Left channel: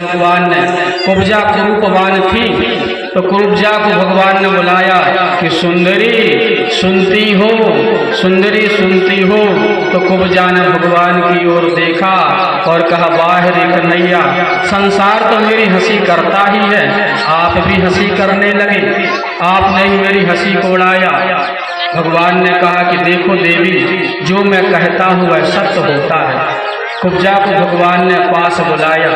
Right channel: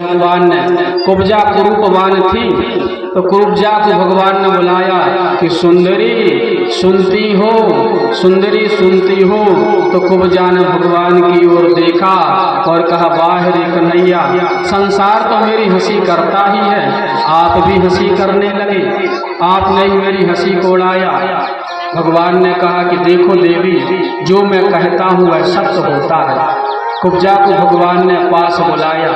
भगवान ने कुब्जा कुरूपवान थी तो कुब्जा को भगवान ने बुलाया कि सुंदरी सुनती हो, सुंदरी सुनती हो। तो कुब्जा ने भगवान की ओर देखा और कहा, वाह रे कन्हैया, संसार तो मेरी हंसी करता ही है, आप भी हंसी करने लगे, आपने ही मेरी हंसी को उड़ाया। भगवान ने कहा कि देखो देवी, जो मैं कहता हूँ वह सत्य होता है। कुब्जा को भगवान ने पास बुलाया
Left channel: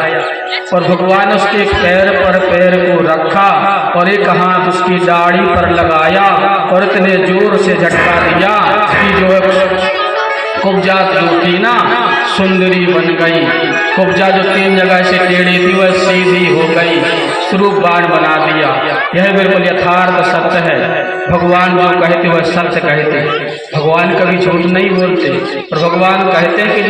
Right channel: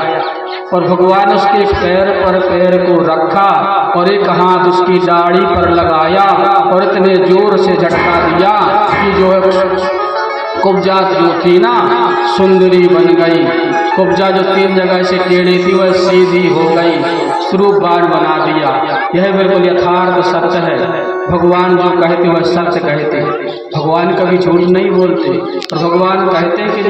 और भगवान उसके पैर पर पैर को रखा और एक हाथ उसकी दाढ़ी पर लगाया और इतने जोर से झटका दिया कि जो कुब्जा जो थी ना सुंदरी बन गई। कुब्जा जो 3 जगह से टेढ़ी थी वह सीधी हो गई, स्वरूप बाण बना दिया। यह बिल्कुल यथार्थ सत्य है। भगवान जो कहते वह सत्य कहते, भगवान कभी झूठ नहीं बोलते। और भगवान कहते हैं कि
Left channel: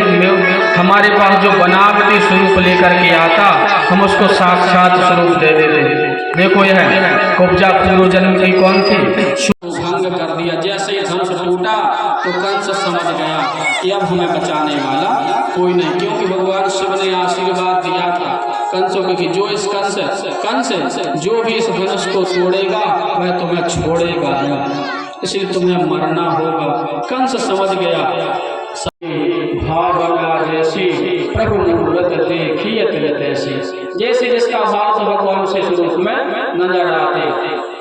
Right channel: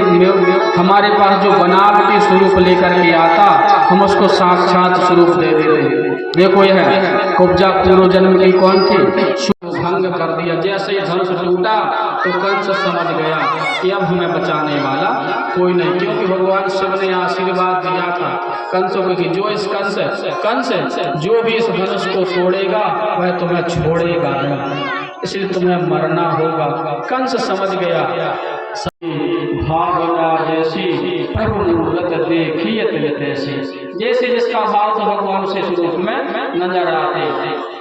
हमारे पास जो बनावटी स्वरूप लेकर के आता हम उसको साक्षात स्वरूप दे देते। देखो यह कुब्जा पूर्व जन्म की कौन थी, भंग कर दिया। जैसे ही धनुष टूटा तो कंस समझ गया कि अब हमें बचाने वाला कोई नहीं, क्योंकि भगवान शिव ने आशीर्वाद दिया था कंसों को कि जो इस कंस जो भी इस धनुष को तोड़ेगा वह तुम्हें छोड़ेगा नहीं, इसलिए तुम्हें मरना होगा। कंस समझ गया। भावना जैसी प्रभु मूर्त देखिए तैसी, जैसे जिसका भाव भगवान से रूप में नजर आते।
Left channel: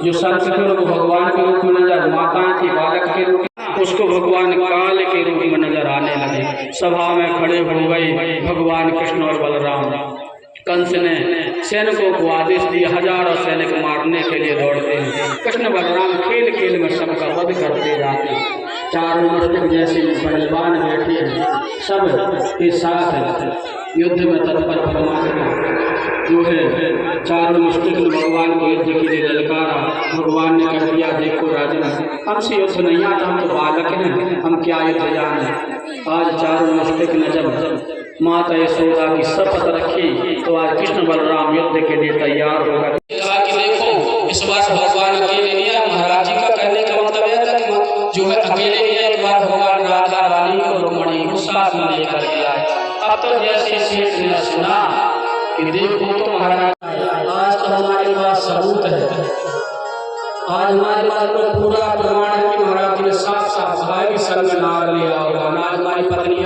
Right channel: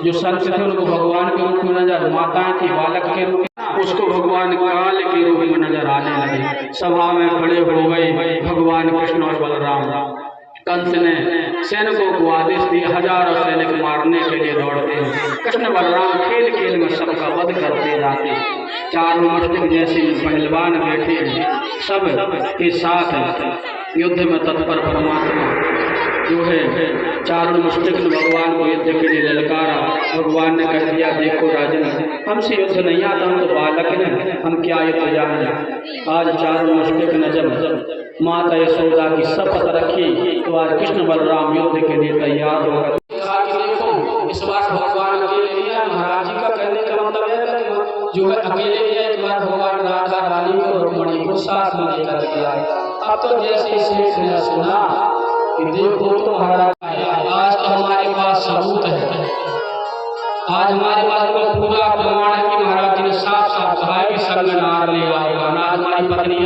जो संत थे उनको भगवान के रूप में नजर, माता के बालक के रूप में, उसको भगवान काल के रूप में नजर आने लगे। सभा में खड़े हो गए भगवान कृष्ण और बलराम। कंस ने सैनिकों को आदेश दिया, हजारों सैनिक मारने के लिए दौड़ते हैं। कृष्ण बलराम खेल खेल में सबका वध करते जाते। चारों मुष्टिक जैसे पहलवान बैठे हैं, सब के साथ युद्ध में तत्पर परमात्मा जो है चारों मुष्टिक ने भगवान को युद्ध के लिए ललकारा। भगवान ने कह दिया, देखो राजन, हमसे युद्ध नहीं आता, हम तो बालक हैं, हम क्या युद्ध जाने। आज चारों मुष्टिक ने जब माता यशोदा की शपथ रखी तो आज कृष्ण बलराम युद्ध के लिए तैयार होगा। कहा कि देखो इस बार भगवान अकेले नहीं है। महाराज जी का कहने का मतलब यह था कि जो है अकेले नहीं है, इस बार भगवान राधा रानी और रुक्मणी को साथ में लेकर के आए। अब तो जैसे सेठ ने सुना कि देखो तो महाराज आज तो हमारे पास सबूत है, आज हमारे पास पूरा प्रमाण है कि महाराज जी ने साफ साफ कहा है कि संग नार ले आओ, आज हमारी पत्नी